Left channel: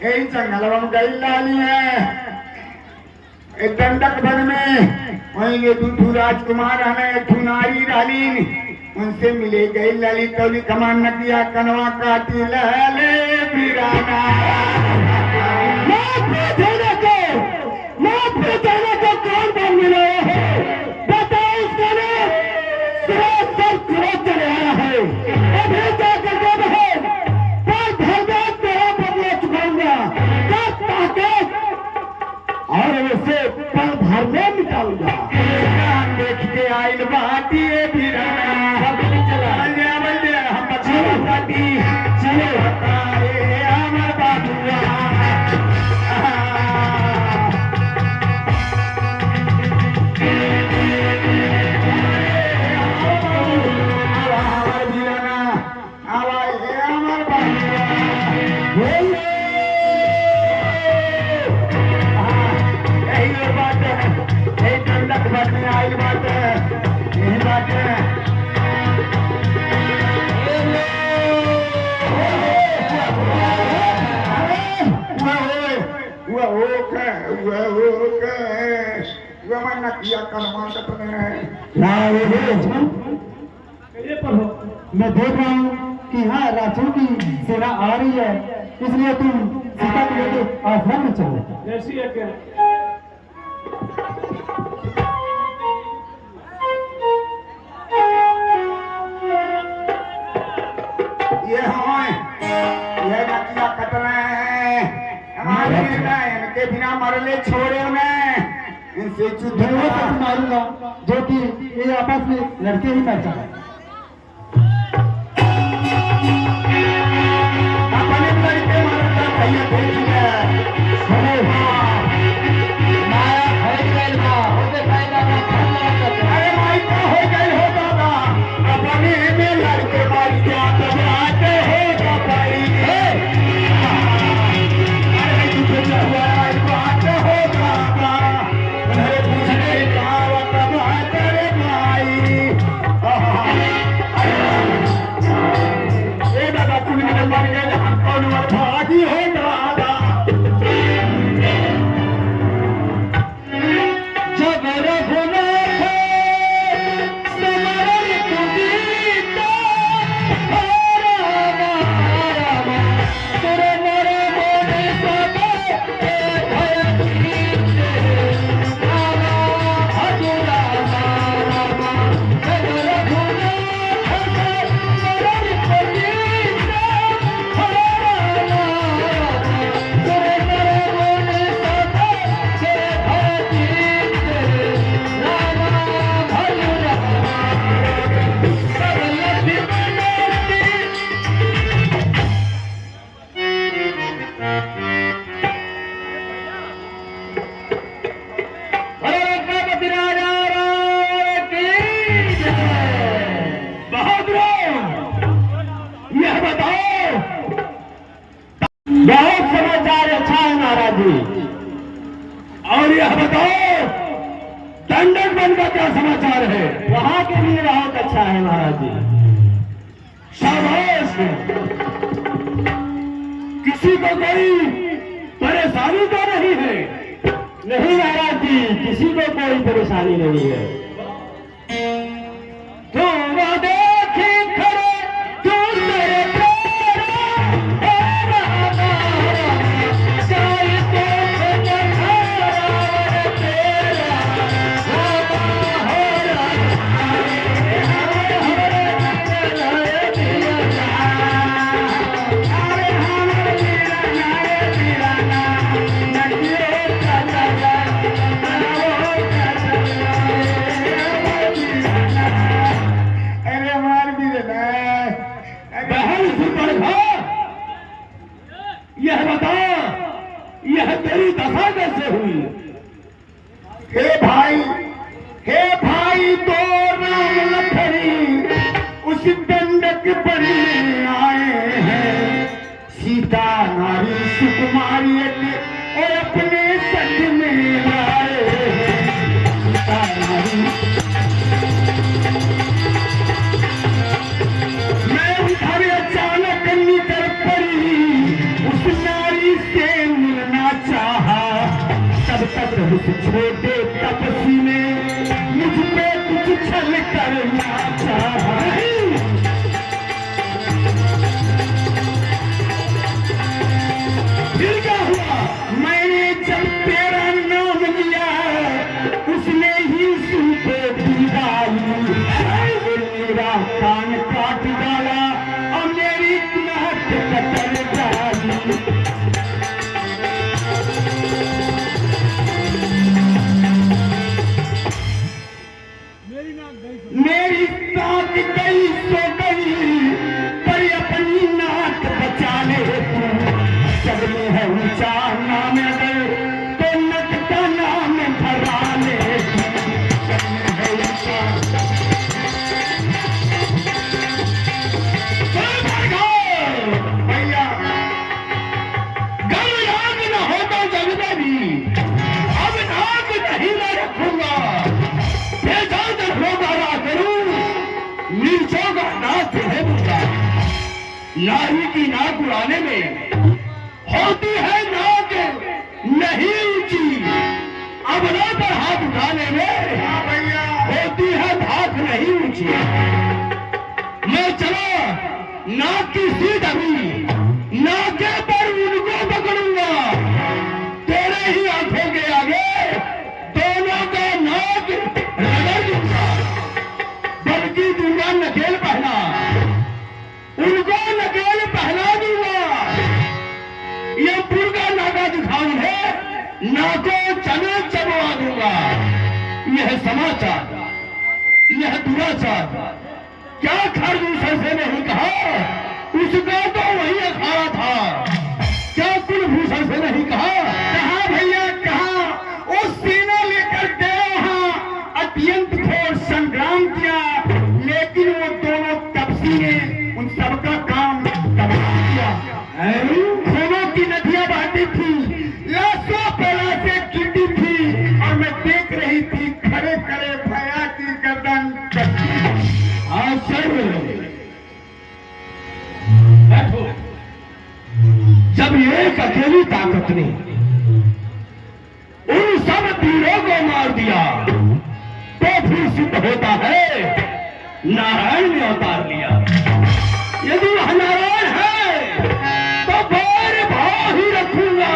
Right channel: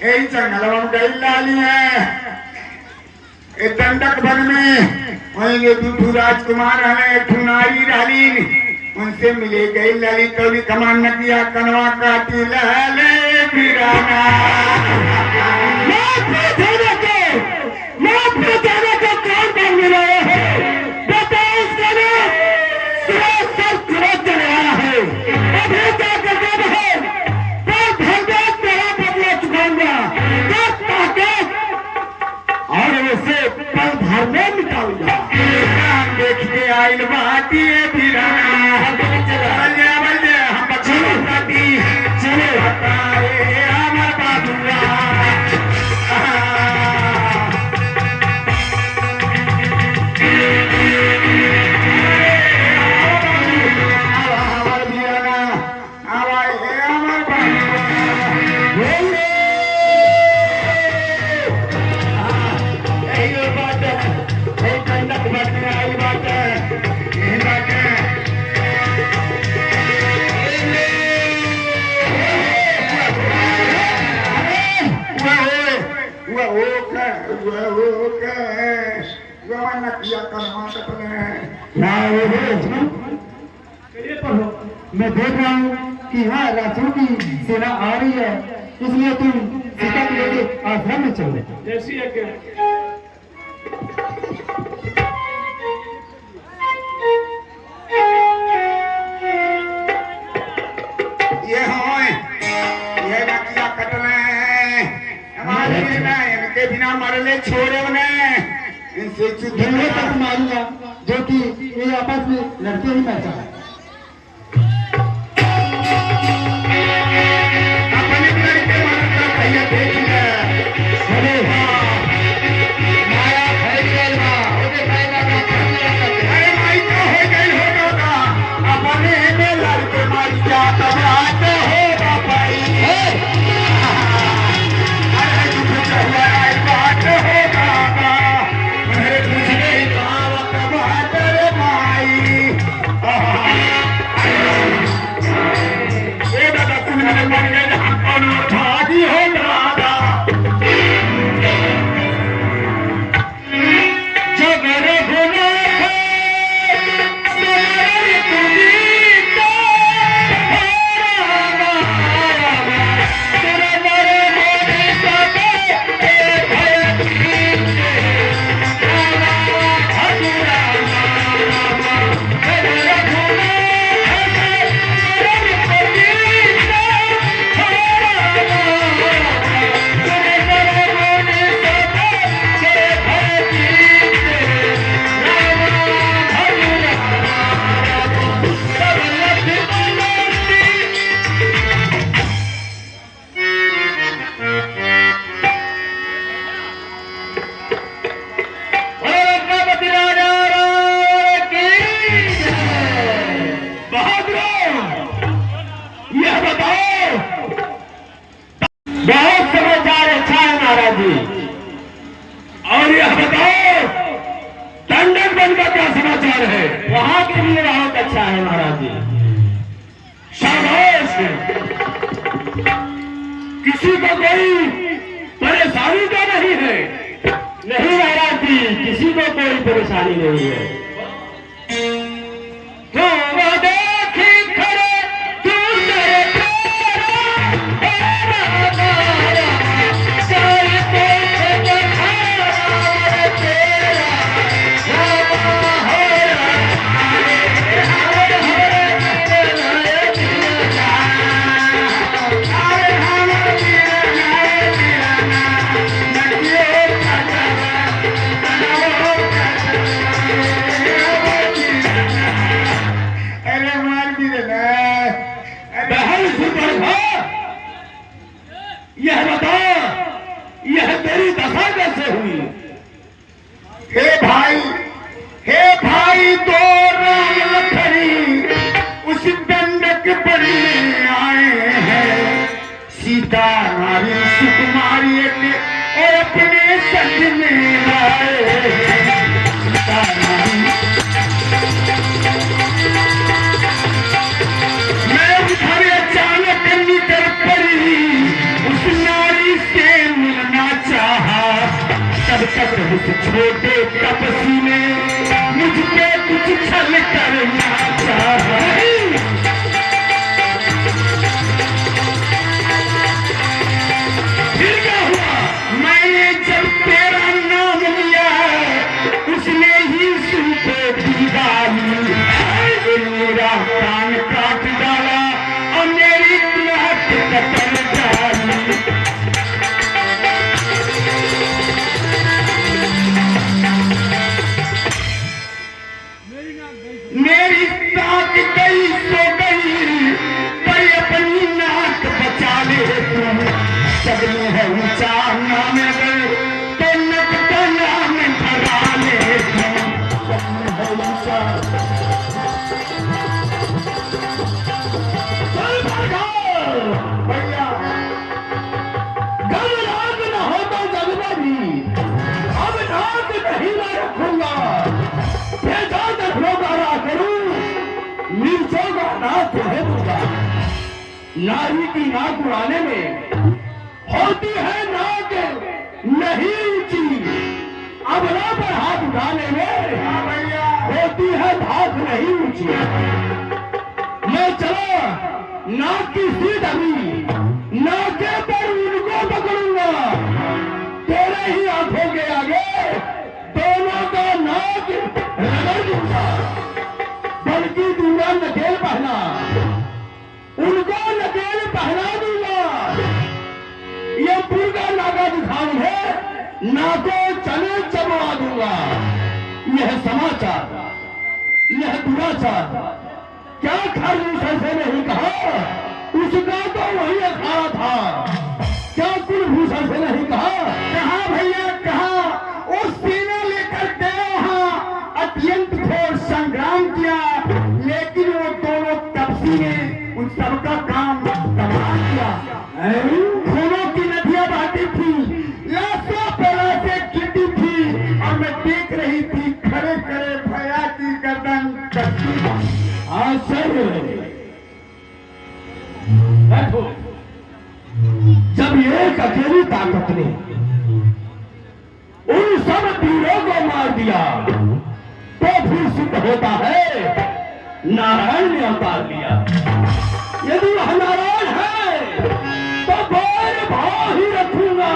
यही जंगल गई लाली है दंडक भर में वहीं ये दूधू राजकुमार है नारी डाली उनसे मिले गई लाली कवि कमान नदिया कनवा काटी लहले बिराना कौन बन मिला है बताओ इसका नाम चल रहा है अभी जाकर जब है और इसे पल भर में निकालूंगा देख के आइल बाती हम बच्ची चले हटाए हमार बाबुआ मैं देख रहा हूँ कि यहाँ राक्षसों की सेना आ रही है, इसलिए तुम सीता को लेके आश्रम में चलो। जैसी एक ये नकिया कटना है हमारे इनके बिना मरने छोड़े उन्हें इनसे धन्यवाद तक मारूंगा जो कि ये आपस में लड़के ही पैसा है। अपने लड़के मरकर भैया देखिए माया फैल गई ना होने फायदा का अरे माई क्या हो गई होगा अपने में लड़के मार जा तब आते हो बापड़ी अरे झूठे हुआ आई बात होगा अरे पूछने का वक्त बात रे माई ये दादा तुम मैंने मर गए हम कौन अर्थादी हो दादा बहुत समाचार अच्छा है महाराज जी। और यह बताओ दंडक बन का क्या समाचार है? वहां के लिए बहुत अच्छा है महाराज जी। शाबाश। किसी को कोई परेशानी तो नहीं है? नहीं महाराज जी, किसी को कोई परेशानी नहीं है। तो तेरी दशा कैसे हुई? हे भाई तो राम लखनी उस दंडक बनने आए हैं। सीता हमारी सुकुमारी और अपने संग में आए हैं। सीता हमारी मैं उधर अचानक निकल पड़ी, उस नारी से मिलना चाहा। तब तक उस छोटे तपसी ने मुझ पे कुछ छल करना चाहा। फिर क्या हुआ? मैंने जब तेरा नाम लिया, उसने ही सुन पे दीवाली मेरा कान काट डाला और मेरी नाक कतर डाली। मेरी नाक गई सो गई, पर अपनी नाक बचा ले तुम। जब में है ऊंचा नाम गए तो नक का नाम भरा ले तुम। जब में है ऊंचा भैया गम नाक न हो तो जग में भी अब नाक नहीं मैं रखूंगा। मिर्चों का नाक है दूंगा। नारी की नाक उड़ाने में होती है नाक नहीं ऊंची, अबरों पर हाथ उठाने में होती है धाक नहीं ऊंची। मैं चला नाक की सीट अभी नाके पर उनको पकड़ूंगा। तेरे ही आंखों के आगे दोनों का नाक रगड़ दूंगा। बल्कि दूंगा नकेल पहना, उनको नकेल पहना दूंगा। ये पूरा नाका दिखाऊं है, नाको चने चबवा दूंगा। यह समाचार, यह दुराचार क्या खरगोश से नहीं कहा? उसका तो वही अखाड़ा था। क्या कुलभूषण से नहीं कहा? कहा भैया कहा। उस सीना लेकर गया वहां अत्यंत घोर संग्राम किया, लेकिन वो दोनों तपसी ने उन सबका काम तबाह किया। खूनों की नदियां बहती थी, लाशों पे लाशें गिरती थी और मैं देख रही थी खड़े खड़े भया की गर्दन कटती। बैठो। जब एक अकेली ताकत ने उन सब वीरों को मार दिया तो फिर सिद्ध होता है नारायण ने अवतार लिया। यदि वह नारायण है तो बैर भाव ही रखूंगा।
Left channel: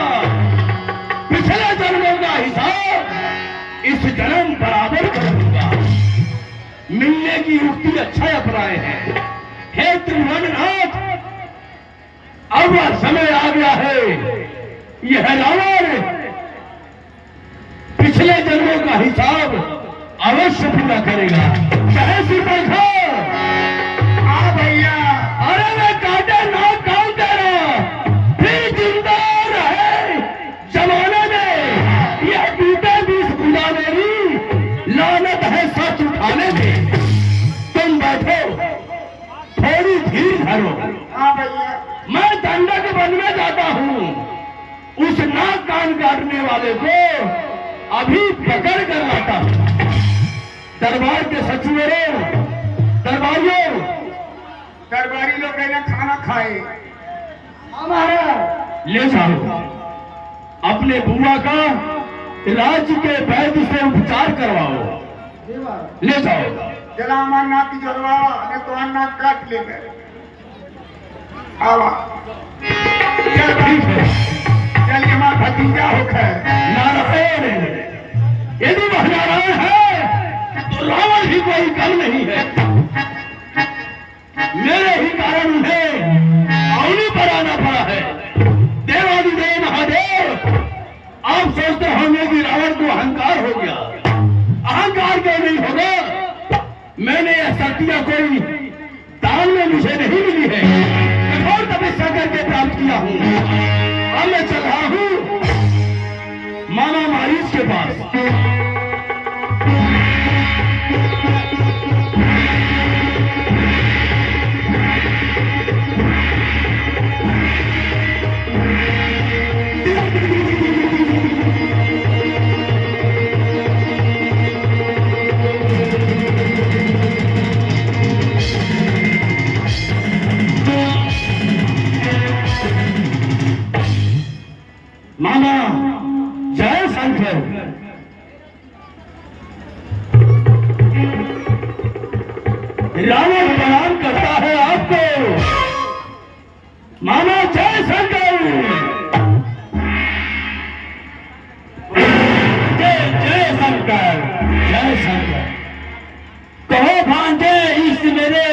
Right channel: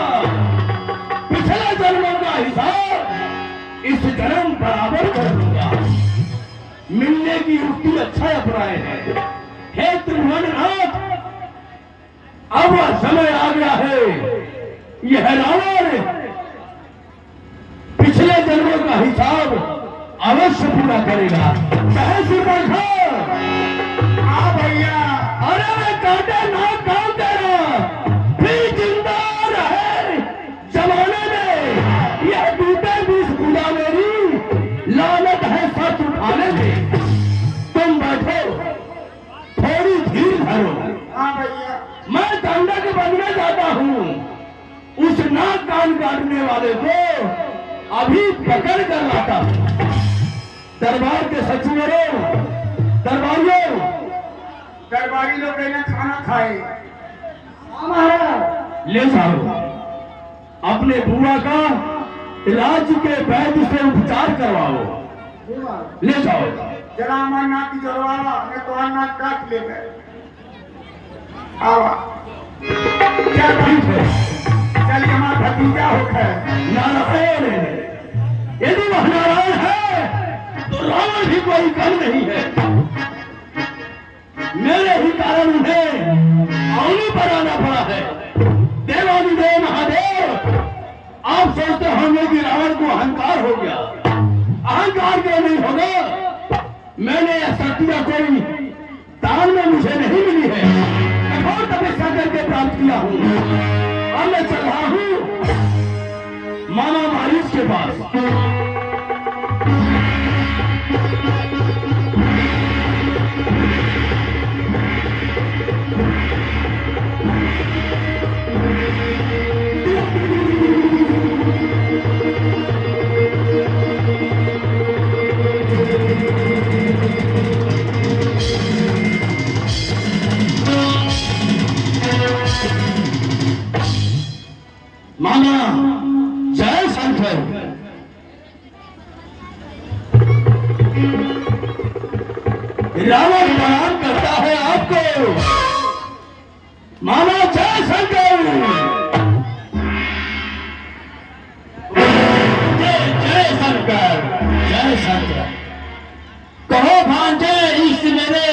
पिछले जन्मों का हिसाब इस जन्म बराबर कर दूंगा। मिलने की युक्ति अच्छा अपनाए हैं। हे त्रिभुवननाथ, अब समय आ गया है। यह रावण पिछले जन्मों का हिसाब अवश्य पूरा करेगा। चाहे सिर्फ भैया अरे मैं काटे ना काम तेरा फिर जिंदा रहे जमाने में। यह टूटे बीस पूजा मेरी लानत है सच उठाने में। तुम बैठो, थोड़ी धीर धरो। भैया मैं दंडक बनने जाता हूँ। उस नाक कान काटने वाले को अभी पकड़ कर लाता हूँ। दरबार के सचिवरों, दरबारियों, दरबारी लोग खाना खाए। हमारा ले जाओ। अपने बुआ का राज्य के वैद्य से उपचार करवाओ। ले जाओ। जला मारना की जोरवा ने तो अन्ना काट ले गए। आवा चल ठीक है। चलिए हमारा भतीजा होकर नारायण, यदि वह नारायण है तो रावण भी कोई कम नहीं है। मेरे ही कारण उन्हें अवनी पर आना पड़ा है। देवादिदेव महादेव, आप सोचते होंगे कि रावण को अहंकार हो गया। अहंकार क्यों नहीं होगा? मैंने यह शक्तियां कोई दान में मुझे नहीं मिली है। कठोर तपस्या करके प्राप्त किया हूं। अब मैं चल रहा हूं के पास। मामा जय शंकर। रावण प्रणाम करता है आपको। मामा जय शंकर। जय जय शंकर, जय शंकर। कहो भांजे, इस मेरे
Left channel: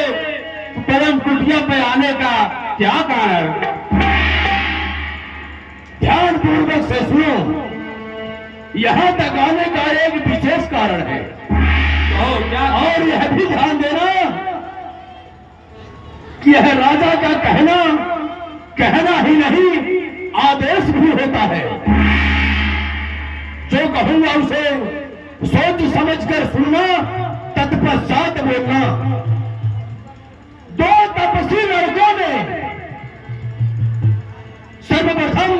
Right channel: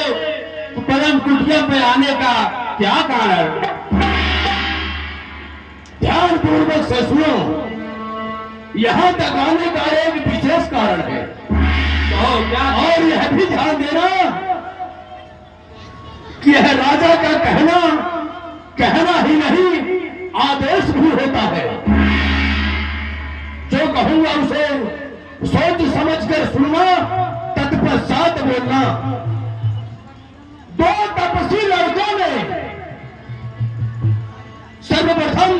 परम कुटिया पे आने का क्या कारण? ध्यान पूर्वक से सुनो, यहां तक आने का एक विशेष कारण है। और यह भी ध्यान देना कि यह राजा का कहना ही नहीं, आदेश भी होता है। जो कहूंगा उसे सोच समझ कर सुनना, तत्पश्चात बोलना। दो तपस्वी लड़कों ने सर्वप्रथम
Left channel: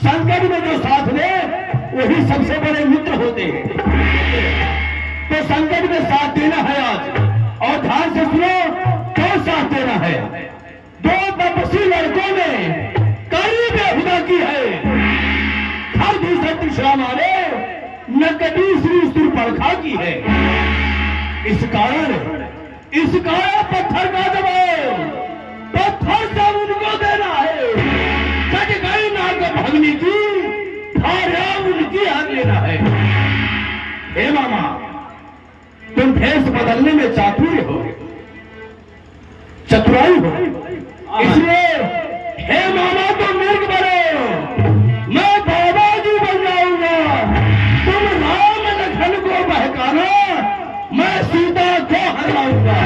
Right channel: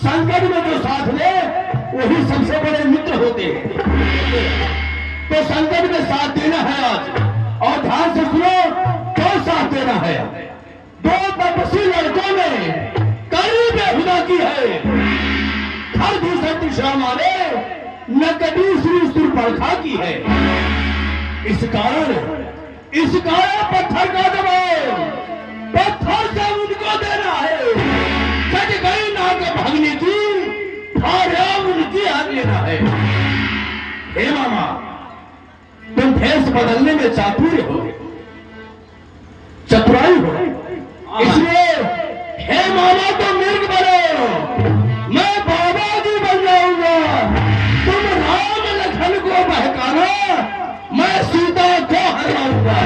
संकट में जो साथ ले, वही सबसे बड़े मित्र होते हैं। तो संकट में साथ देना है आज, और ध्यान से सुनो, क्यों साथ देना है। दो तपस्वी लड़कों ने कड़ी बेहुदा की है। हर दूसरे तीसरा मारे न कभी सुर परखा की है। इस कारण पत्थर का जवाब पत्थर से उनको देना है। सच गई नाक भगनी की, उनकी आग लेना है। हे मामा, तुम भेष बदलने में चातुर्य हो, चतुराई हो, इसलिए हे मामा तुम मिर्ग बनो, मैं बाबा जी बन जाऊंगा। तुम राम लखन को बहकाना, मैं सीता को हराऊंगा।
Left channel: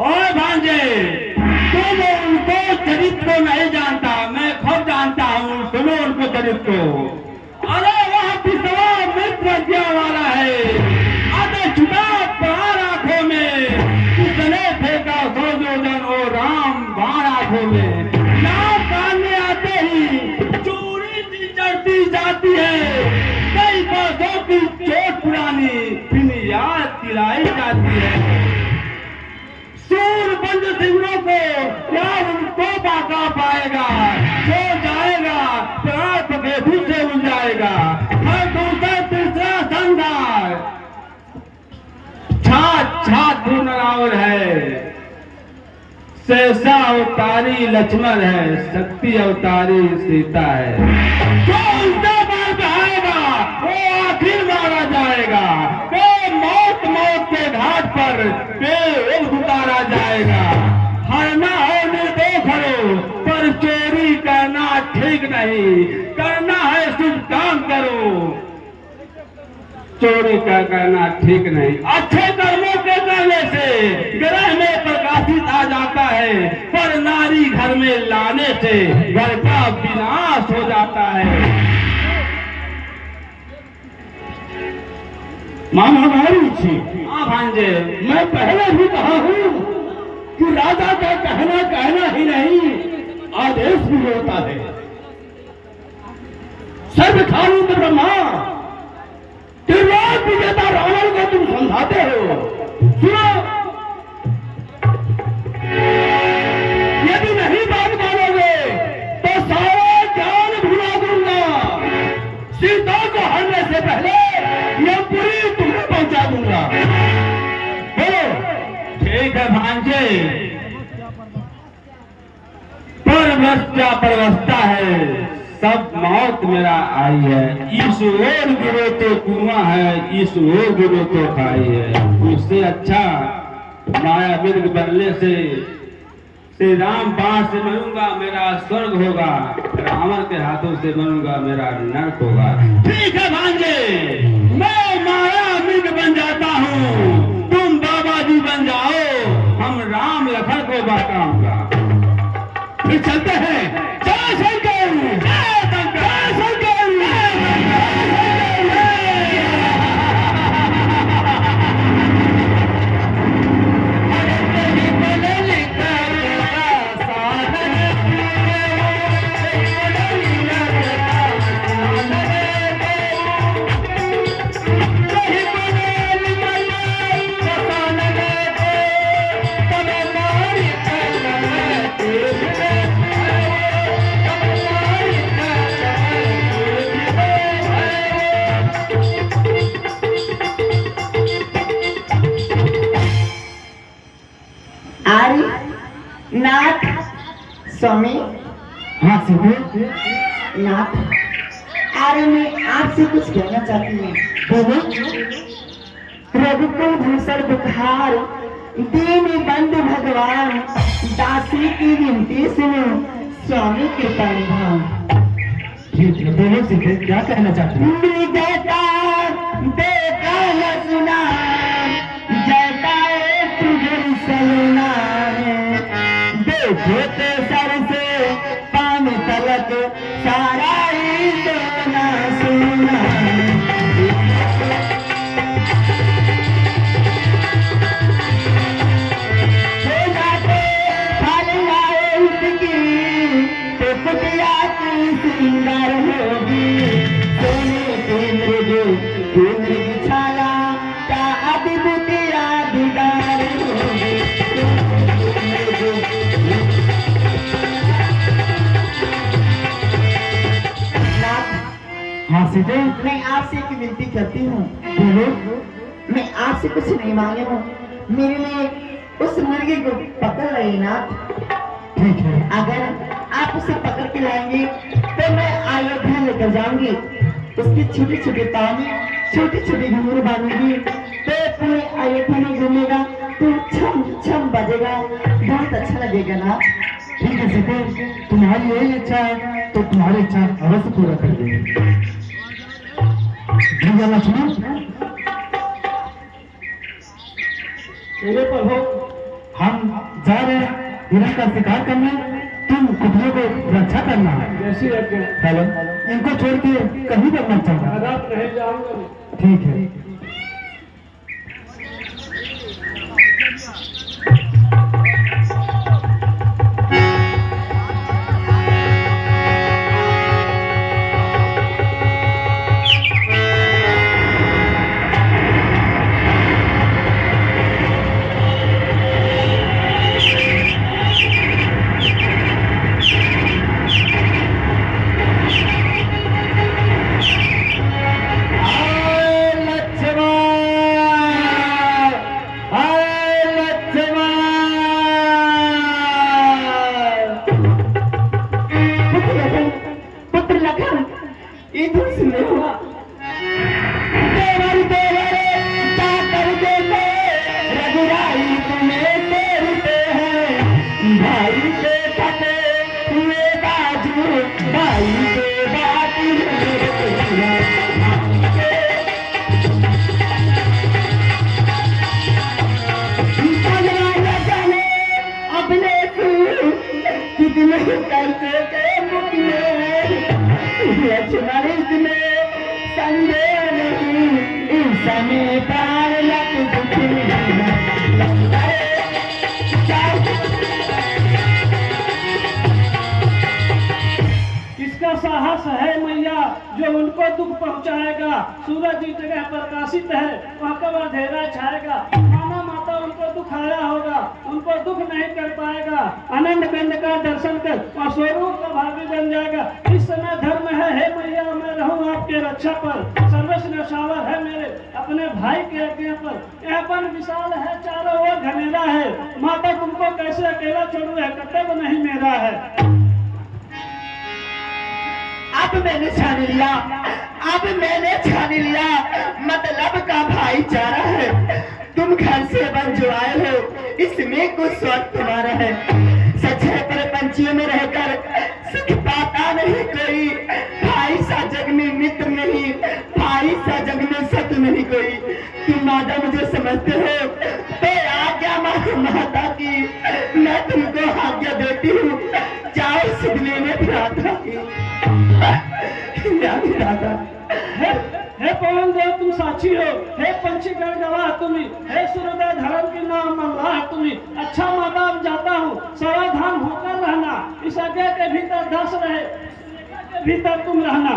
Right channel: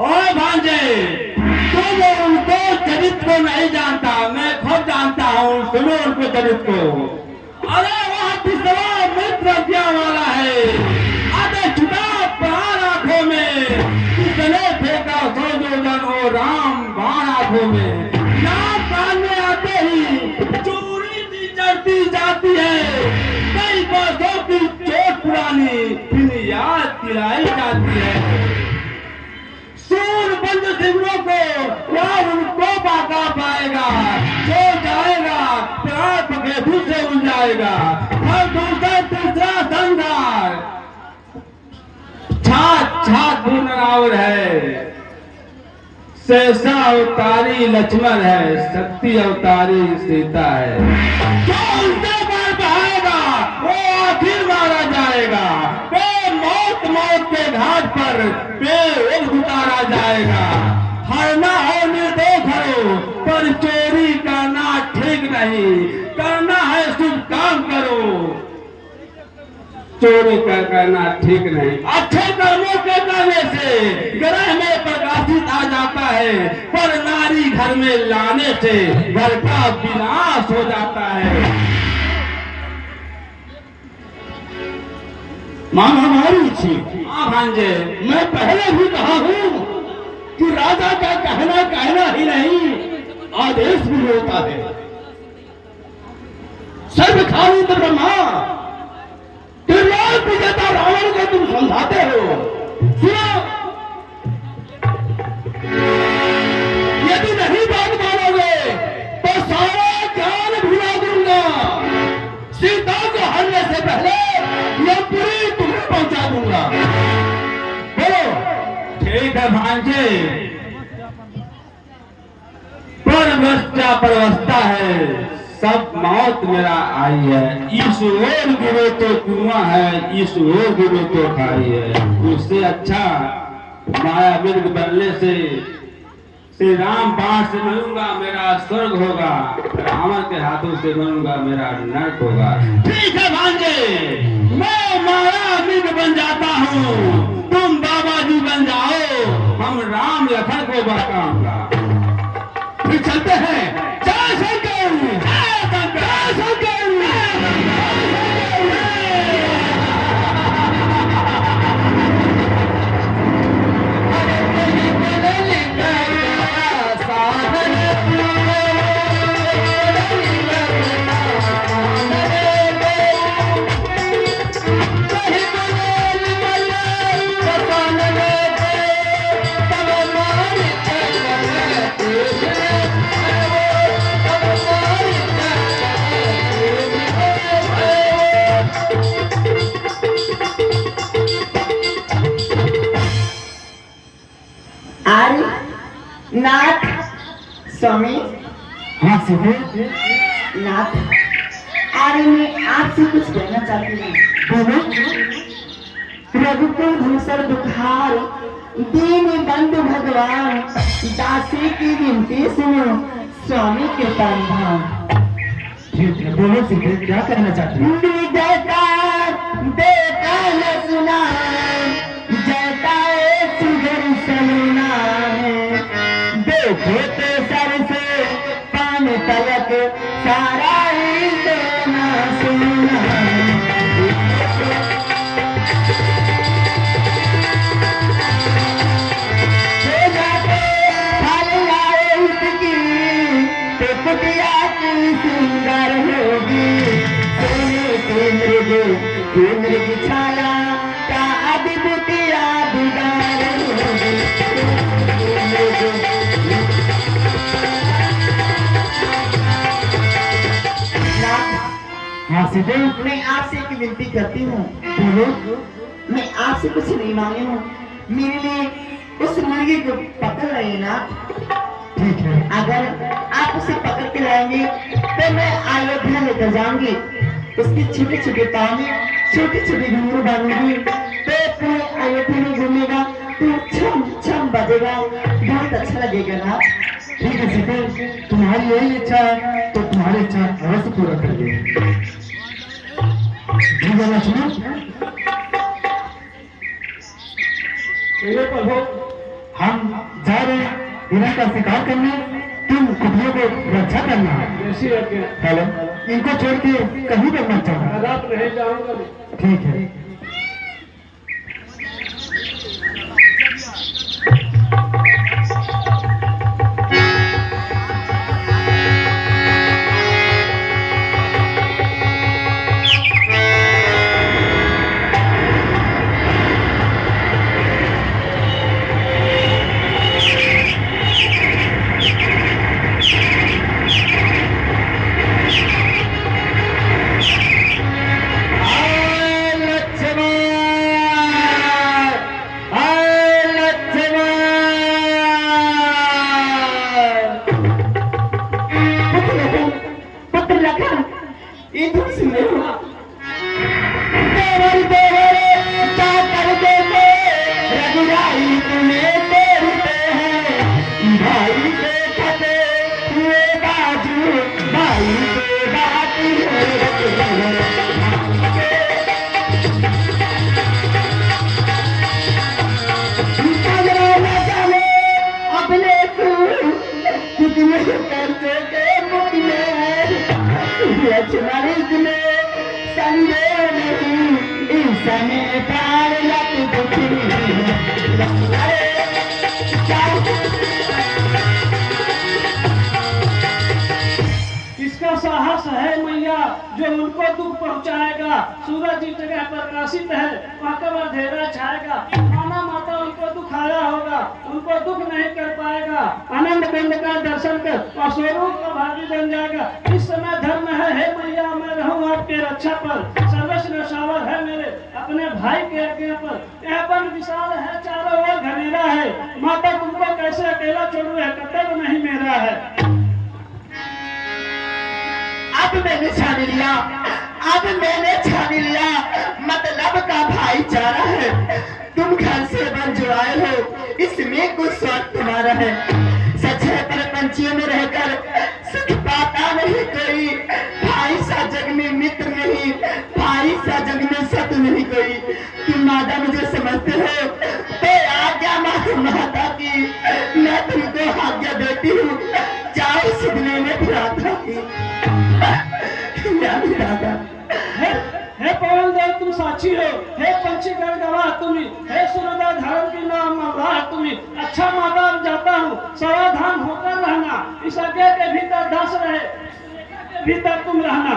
और भांजे, तुम उनको चरित्र को नहीं जानता, मैं खुद जानता हूँ। सुनो उनको चरित्र को। अरे वह पिछला मित्र क्या वाला है, अरे छुटा प्राण आंखों में, किसने फेंका सोजोजन ओ राम बाण आंखों में। नाम कान में आते ही चोरी सी चढ़ती जाती है, कई बरसों की चोट पुरानी फिर याद दिलाई जाती है। सूरबंद सिंहों को राम उनको बाका पाएगा, जो जाएगा प्राण पखेरु से उड़ जाएगा। हर दूसरा तीसरा संघार छात नरावर है। शेषा अवतारी लक्ष्मण है, शक्ति अवतारी सीता है। जो उनसे मार बहाएगा वो आखिर मारा जाएगा। वो मौत के घाट पर बेहोश उतारा जाएगा। हरना हो निर्दोष हो, पर चोरी करना ठीक नहीं। करना है शुभ काम करो, चोरी करना ठीक नहीं। अच्छे कर्मों के करने से ग्रह में प्रकाशित आ जाता है, पर नारी घर में लाने से घर का विनाश हो जाता है। मां हमारी थी। हाँ भांजे, मैं पहले भी कहा हूं कि राजा का कहना ही नहीं, आदेश भी होता है। सर्व खानित ब्रह्मा, त्रिलोक विजेता रावण को तुम समझाते हो। सुनो, यदि नहीं बात मानोगे तो सारा ज्ञान भुला दूंगा। सीता को हरने से पहले यह पूरी तुम्हें पहुंचा दूंगा। बोलो। ठीक है भांजे, परवस्था है, सब मौत मेरा आई है। इस ओर गिरे तो कुआं है, इस ओर गिरे तो खाई है। उससे अच्छा माया मिर्ग बनने से श्री राम बाण से मरूंगा मेरा स्वर्ग होगा, रावण के हाथों से मरूंगा मेरा नरक होगा। ठीक है भांजे, मैं माया मिर्ग बन जाता हूँ, तुम बाबा जी बन जाओ, हम राम लखन को बहकाऊंगा। फिर चलते हैं। जय शंकर, जय शंकर। नाथ स्वामी हाँ सीते, नाथ, अरे मैं आपसे कुछ कहना चाहती हूँ। बोलो। रघुकुल भूषण बुखार दीन बंधु भगवान, दासी की विनती सुनो स्वामी कृपा निधान। ठीक है, बोलो सीते, क्या कहना चाहती हो? विजयता बेटा न सुना, जयता सुधर सलूना है, देखे ते सर से पान तलक सारा ही सोना सोना है। हो जाते फल लाए उसकी, तो कुटिया की सुंदर होगी, सोने के मृग छाया का अद्भुतिया दीदार होगी। हाँ सीते, मैं आपसे एक विनती करती हूँ। बोलो। मैं आपसे कुछ नहीं मांगी हूँ, मेरे लिए उस मुर्गी को पकड़ रही ना। ठीक है, अगर आप उसे पकड़ के लाएंगे तो मैं अयोध्या लेकर जाऊंगी, उसकी छोटे छोटे पाँव में छोटी छोटी घुंघरू बांधूंगी, तो पूरे अयोध्या में घूमेगा तो छम छम बजेगा, बहुत अच्छा लगेगा ना। ठीक है सीते, तुम्हारी यही इच्छा है तो तुम्हारी इच्छा अवश्य पूरा कर देंगे। जी गाना सुनो। प्रभु, हम जा रहे हैं हिरण का शिकार करने, तुम कुटियों को रक्षा करना है। जैसी आज्ञा। हेलो, इनको छोड़ के कहीं पर मत जाना। रात रह जाऊंगा नहीं। ठीक है। इसका साहस है मैया, जो उनको दुख पहुंचाएगा। सूरज जिस जगह प्रकाशित है वहाँ कब अंधेरा छाएगा। माना माता उनको दुखाया होगा, उनको दुख नहीं कर पाएगा। आनंद कंद का दर्शन कर और स्वरूप का भागी बन जाएगा। इस समय धर्म है हे मैया, मैं रहूं आपके रक्षा पर। सर्वस्व नशावर है मेरे अपने भाई के आज्ञा पर। यह वन विशाल है, चारों ओर घनेरा है। माता तुमको कैसे अकेला छोड़ू, है कर्तव्य नहीं मेरा है। अब मैंने छान लिया, अब मैंने छान लिया, मतलब का भाईचारा है। तुम घर से बन जो आए हो, इसमें कुछ स्वाद तुम्हारा है। सच्चे पर पंछियों में रहकर सुख पाता नहीं कोई, भाई सा जग में मित्र नहीं, भाई सा जग में शत्रु नहीं कोई। तुम माता मुझे समझते हो तो आज्ञा माता की, मैं तुमको आज्ञा देती हूँ। जाओ सुध लेने भ्राता की। हे पवन देव तुम साक्षी हो, हे पंछी गण गवाह तुम्ही, हे सूर्योदय धर्म की नाम मल्लाह तुम्ही। अच्छा माता अब जाता हूँ, सावधान होकर रहना। इस आज्ञा के भीतर दास रहे, रेखा के भीतर तुम रहना।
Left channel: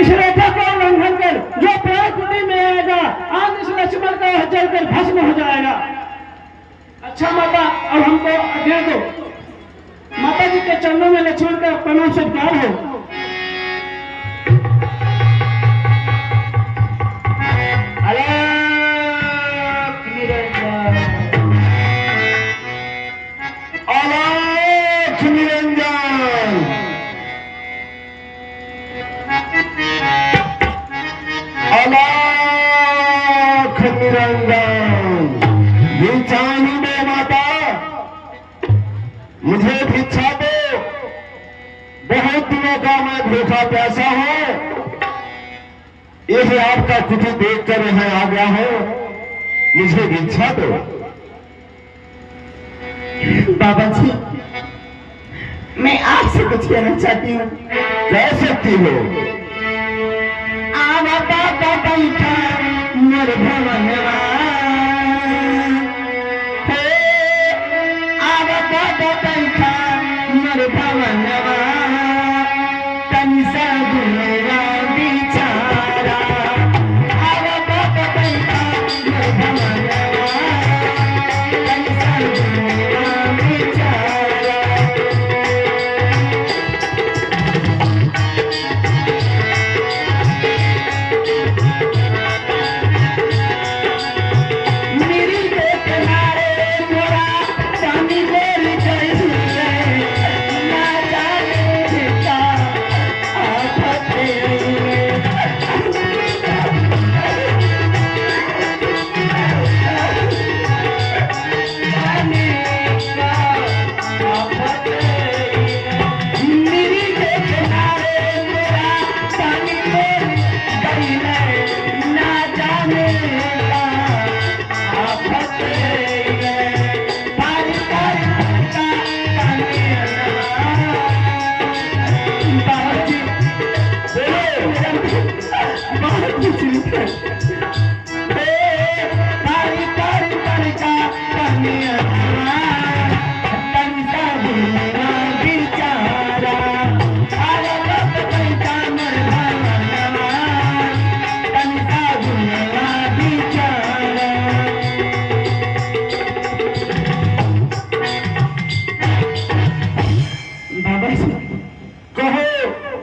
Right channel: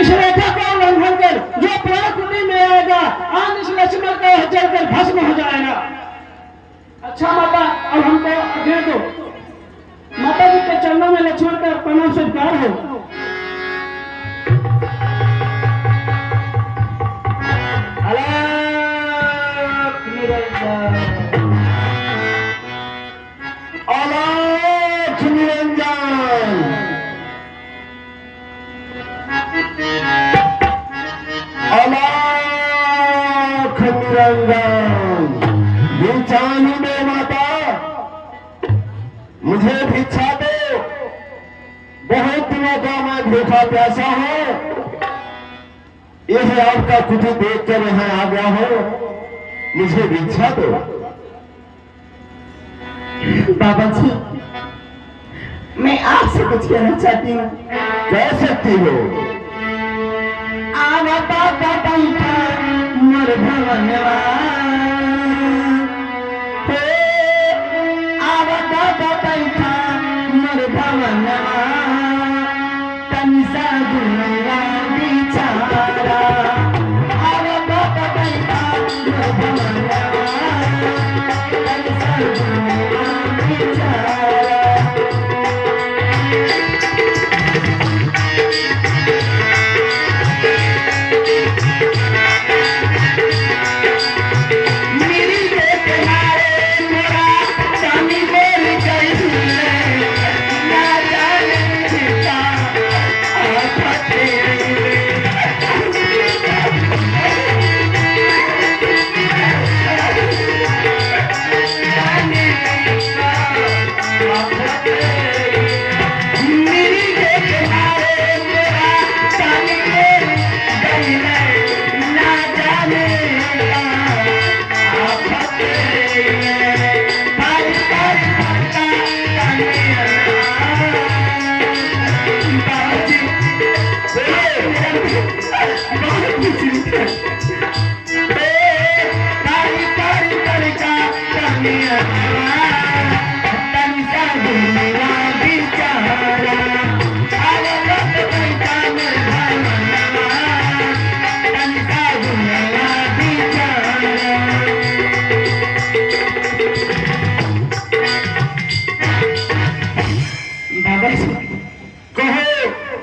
इस रेखा का उल्लंघन कर जो प्राण कुटी में आएगा, आज इस लक्ष्मण का जलकर भस्म हो जाएगा। अच्छा माता अब हमको आज्ञा दो। माता जी के चरणों में लक्ष्मण का प्रणाम स्वीकार हो। मुझे भिक्षा दो, बहुत दिनों का मैं भूखा प्यासा हूं। यही आपका कुटी देख कर यहाँ आ गया हूं, मुझे भिक्षा दो। बाबा जी, मैं आपसे कुछ कहना चाहती हूँ। कह सकती हो। आवा बाबा बैठा मोर भवनवा, आवा बाबा बैठा मोर भवनवा, तनी सा दुनिया बिचारा। आवा बाबा बैठा मोर भवनवा, तनी सा दुनिया बिचारा।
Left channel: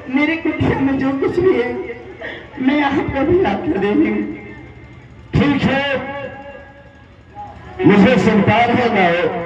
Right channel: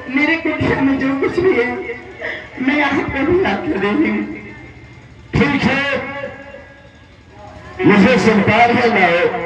मेरे कुटिया में जो कुछ भी है मैं आपको भी ला कर दे दूंगी। ठीक है, मुझे स्वीकार है लाओ।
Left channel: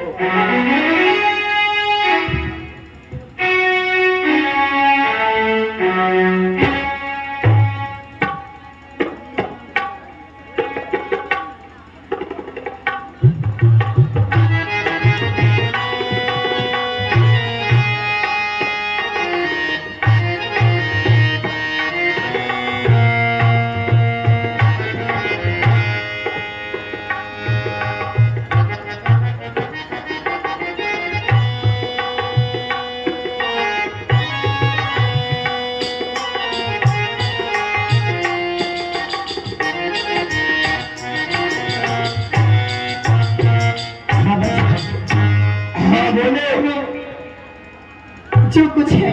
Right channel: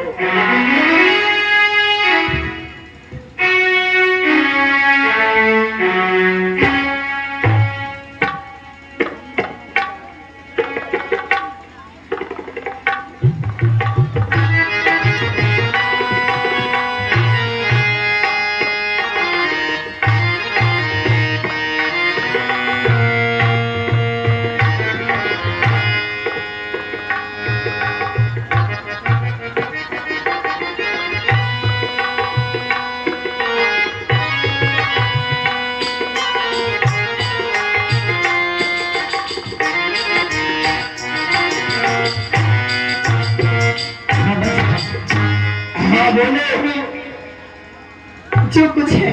जो कुछ है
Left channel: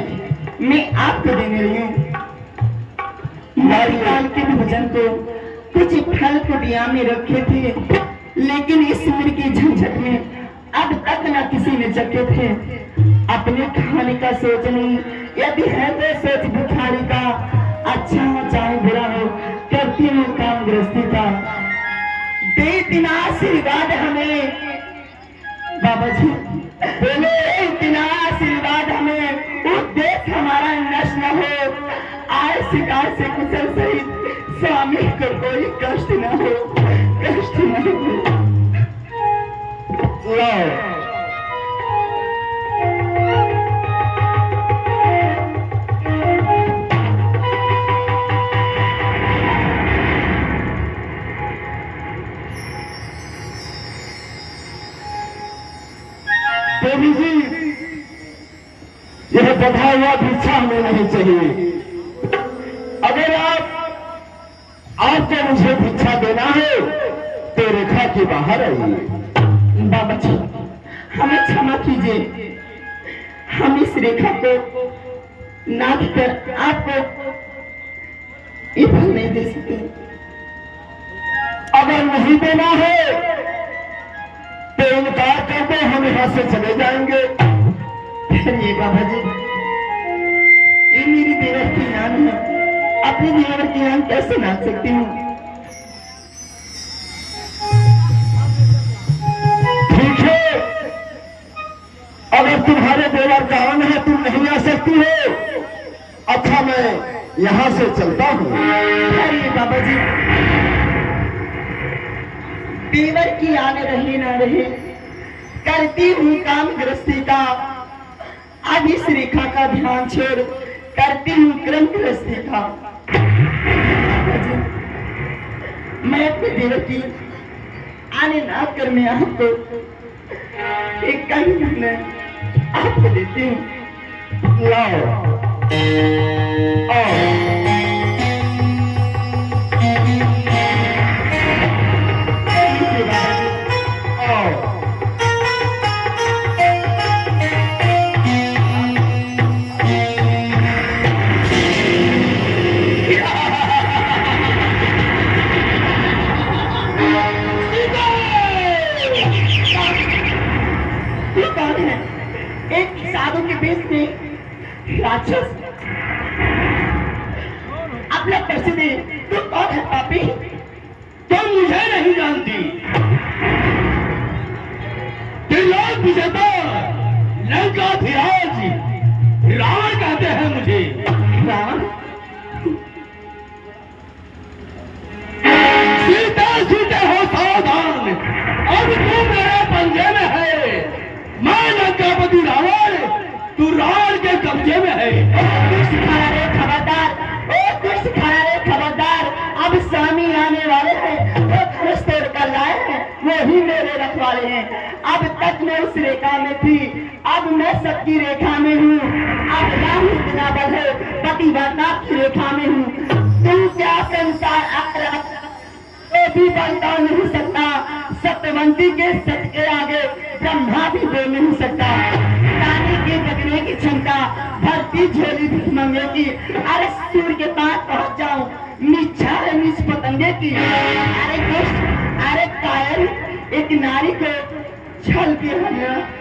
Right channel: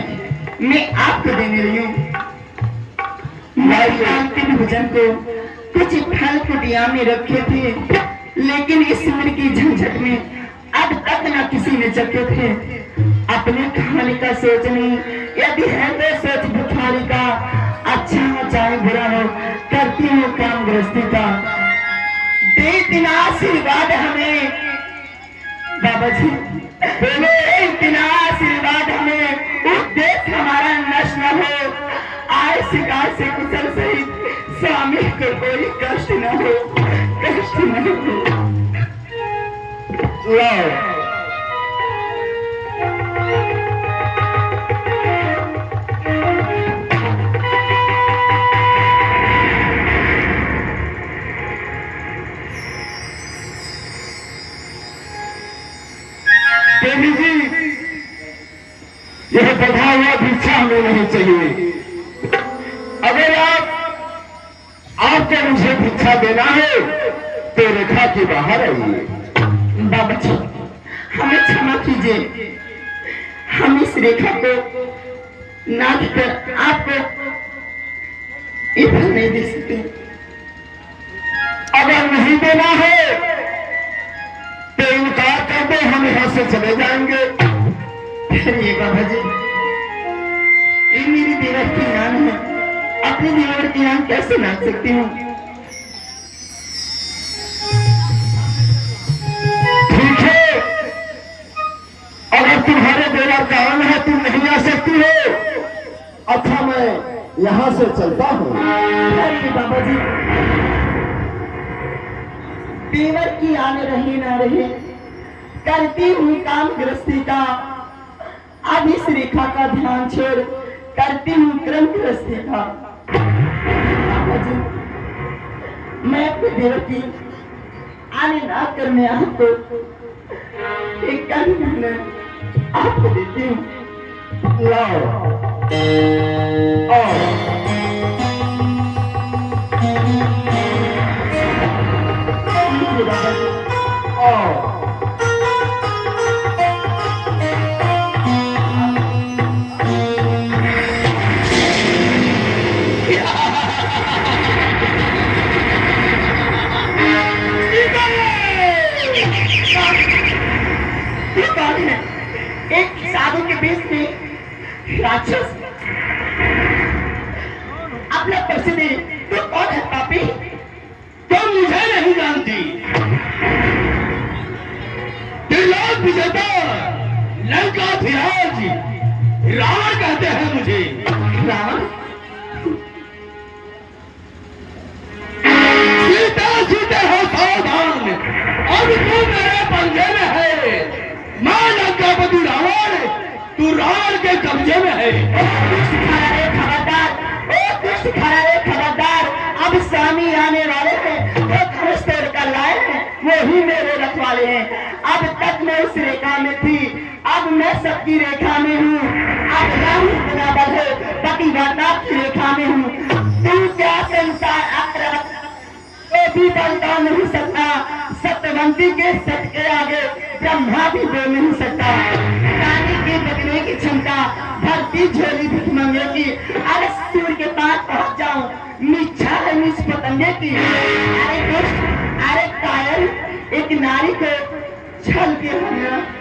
मैं आपको देने रही हूँ। अंतिम भोजन को कुछ फल कुटिया में रखे थे, लेकिन इस उम्र की झंझट में अब तक न किसी ने चखे थे। अपने खाने का सोच नहीं, यदि है तो सोच भिखारी का। अच्छा हो चाहे बुरा हो, करती हूँ काम गृहस्थी का। दे दिन आशीर्वाद हमें बाबा जी, बोले इतना आशीर्वाद हमें, उद्देश्य हमारा नष्ट न हो। आए शिकार से कुशल सहित स्वामी को कोई कष्ट न हो, कष्ट न हो। देवी जी, यह बढ़ा हुआ भिक्षा हमें नहीं चाहिए। अगर आपको मुझे भिक्षा देना है तो रेखा के बाहर आइए। बाबा जी, हमें क्षमा कीजिए, हम इस रेखा को नाथ कर आपको ये फल नहीं दे सकते। अगर नहीं देना है तो इनकार कर दो, हम यहाँ से चले जाएंगे। ये बाबा जी, ये मेरी देवर की नाम है, अपनी देवर की नाम कैसे नाच सकती हूँ? ठीक है, अगर तुम्हारे देवर का अंग है तुम नहीं आ सकती हो। अच्छा, मैं यहाँ से चलता हूँ। अरे बाबा जी, देवर की आने रहे ना रहे, करती हूँ काम गृहस्थी का, अब इस रेखा का ध्यान छोड़ करती हूँ क्रम गृहस्थी का। मैं अपनी देवकी आने ना कर मैं आपको एक कल मैंने आपको देती हूँ। लाओ एक साधु के बीच में राक्षस अपना प्रसिद्ध तो कौन है पापी? तुम मुझे नहीं जानती। त्रिलोक विजेता लंकाधिराज रावण कहते हैं मुझे। रावण? सीते सीते हो सावधान, अब तू मेरे पंजे में है। मैं लंकापति रावण, तू रावण के कब्जे में है। खबरदार, ओ दुष्ट खरारे खबरदार, अब स्वामी आने वाले हैं, वो धनुष तोड़ कर लाए हैं, वो ही मेरे रखवाले हैं। अब तक मैं उस रेखा में थी, अब मैं सबकी रेखा में हूँ। अब राहु बराबर है, पति वार्ताप की रेखा में हूँ। तू क्या संसार तो भी बदला नहीं सकता, सत्यवंती के सत्य के आगे ब्रह्मा भी बोल नहीं सकता। पानी के बगने की क्षमता, भरती झोली भिखमंगे की, अरे सूर्य के पास पहुंच जाऊं, नीचा है नीच पतंगे की। अरे दुष्ट, अरे कायर, एक नारी को छल के हमने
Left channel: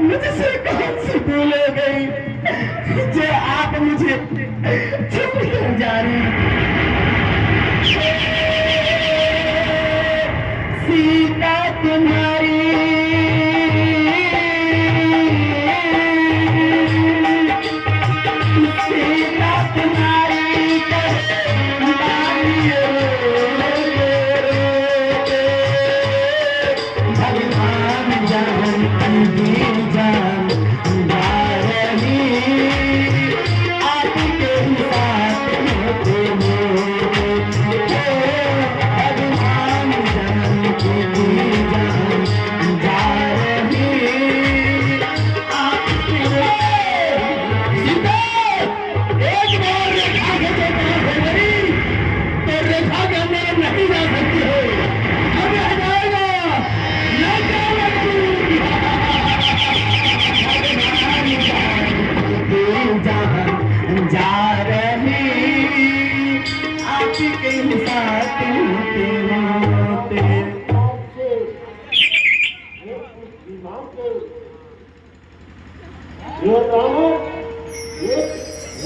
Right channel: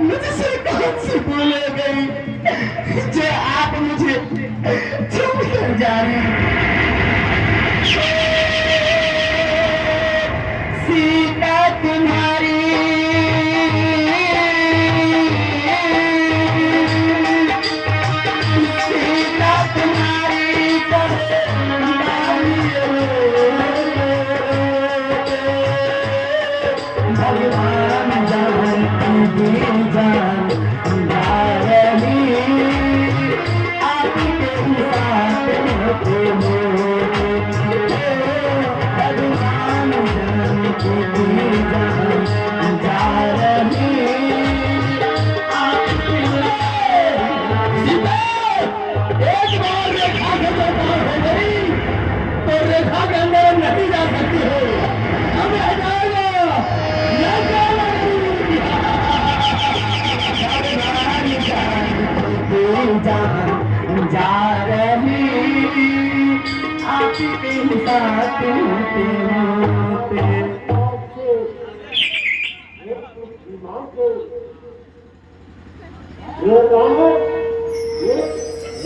मुझसे कौन सी भूल हो गई जो आप मुझे चुप कर जा रही। सीता तुम्हारी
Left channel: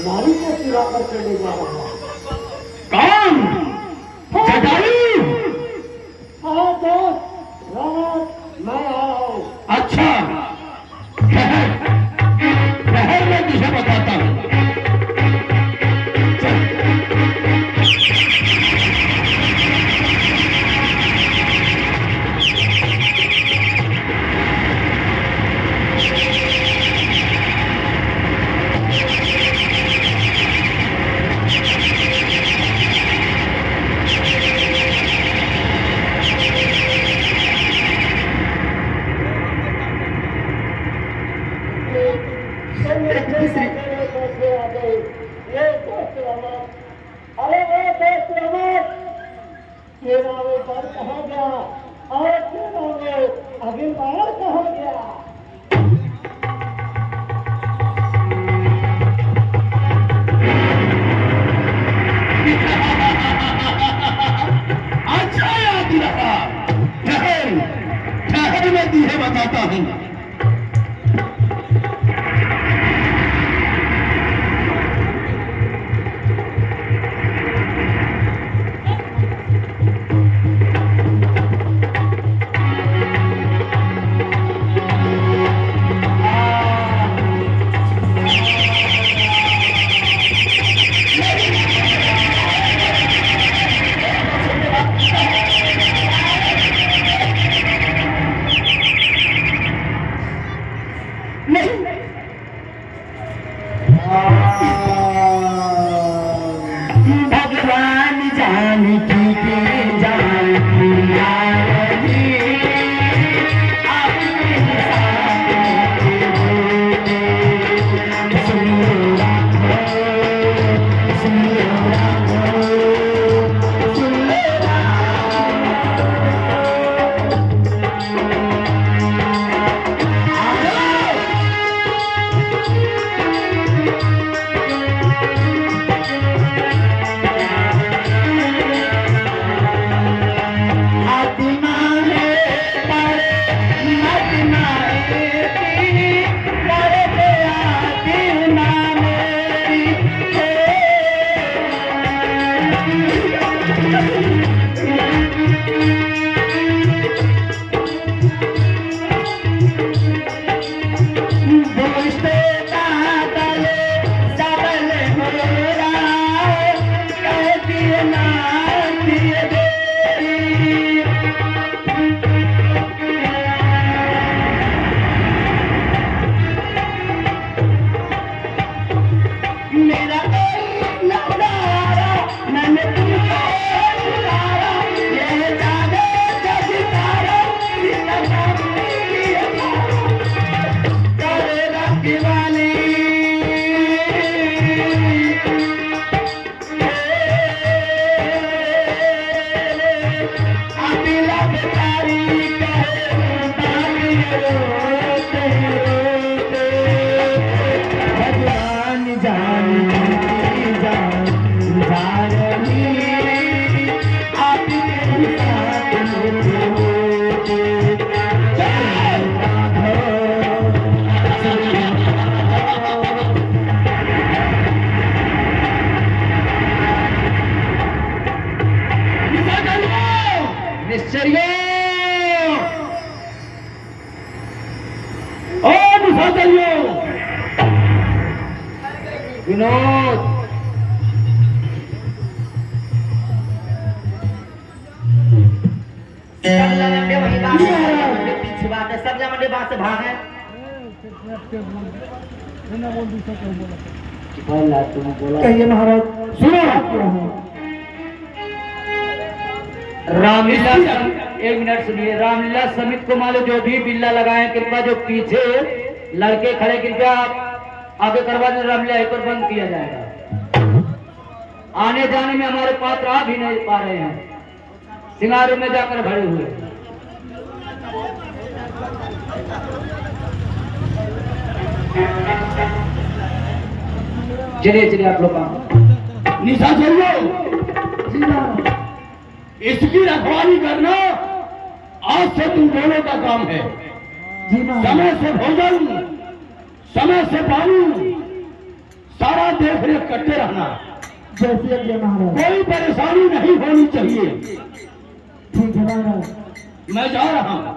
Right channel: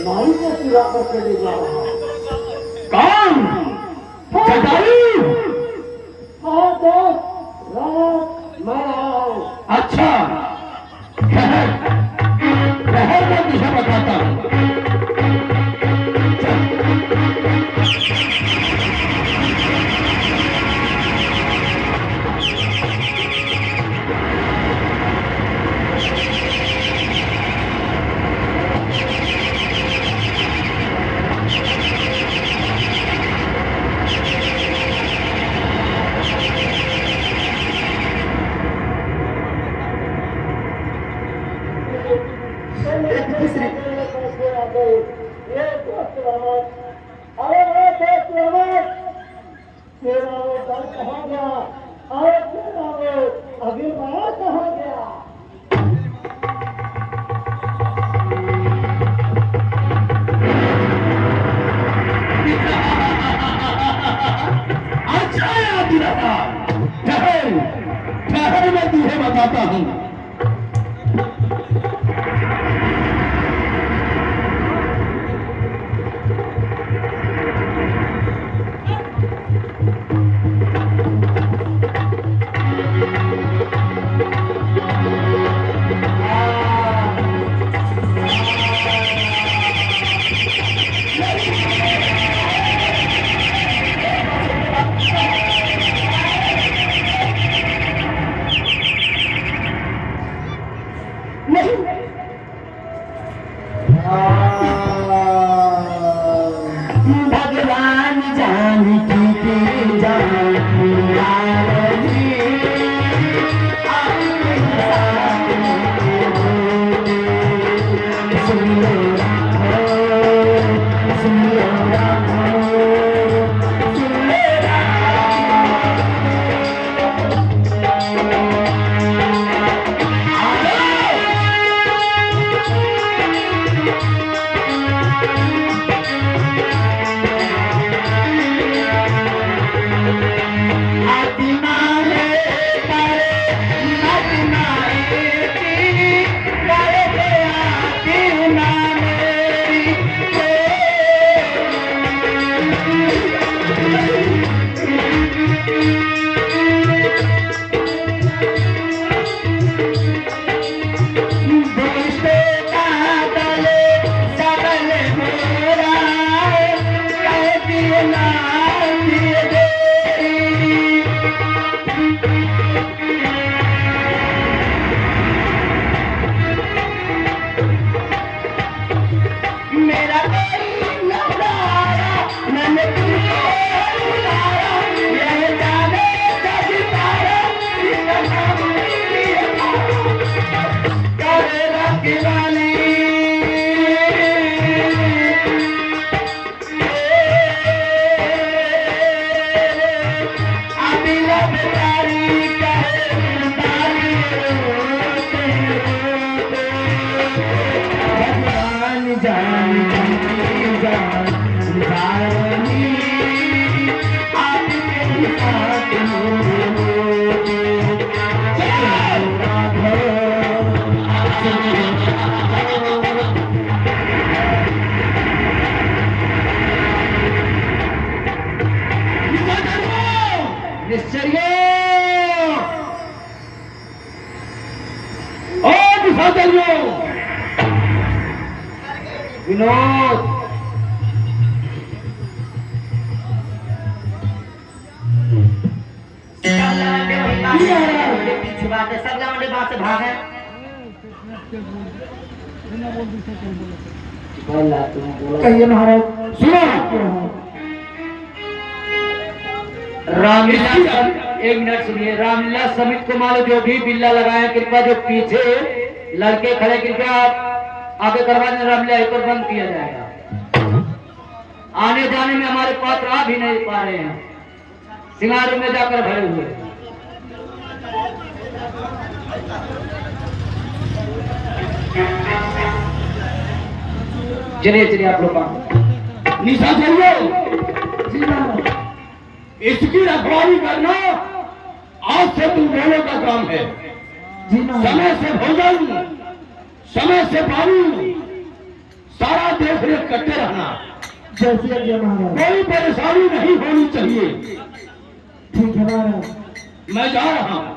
नारी को चुरा कर चले जा रहा है। कौन? जटायु? हाँ दोस्त, मैं आऊं। अच्छा, ठहर मैं तुझे बताता हूँ। बताता हूँ। नहीं भगवान जानकी के जानकी आरती आपके साथ सुनो राधो सुनो राधो सुनो विनोद पीछे बात है सब लंबे बात से भाग है कहिए महाराज। सुनो रामलीला एक मिनट सुनिए। रामलीला समिति को मालूम जो भी बिल्ला लगाए कृपया जो पीछे लड़के खड़े कृपया आप आगे करवा दें। रामलीला एक और बंद किया जाएगा। आने जाने में हमारे पात्र आ भी नहीं पा रहे हैं, सिंगारों में जाकर भरे हुए। चलिए चलिए आप लोग काम। निशा चाहिए इसकी रखवाली करना आज से तुम दोनों का काम है। समय से भोजन, समय से पानी, सारा देख रेख करते रहना। जैसे ये महाराज। कोई परेशानी नहीं होनी चाहिए। ठीक है महाराज। मैं जा रहा हूँ।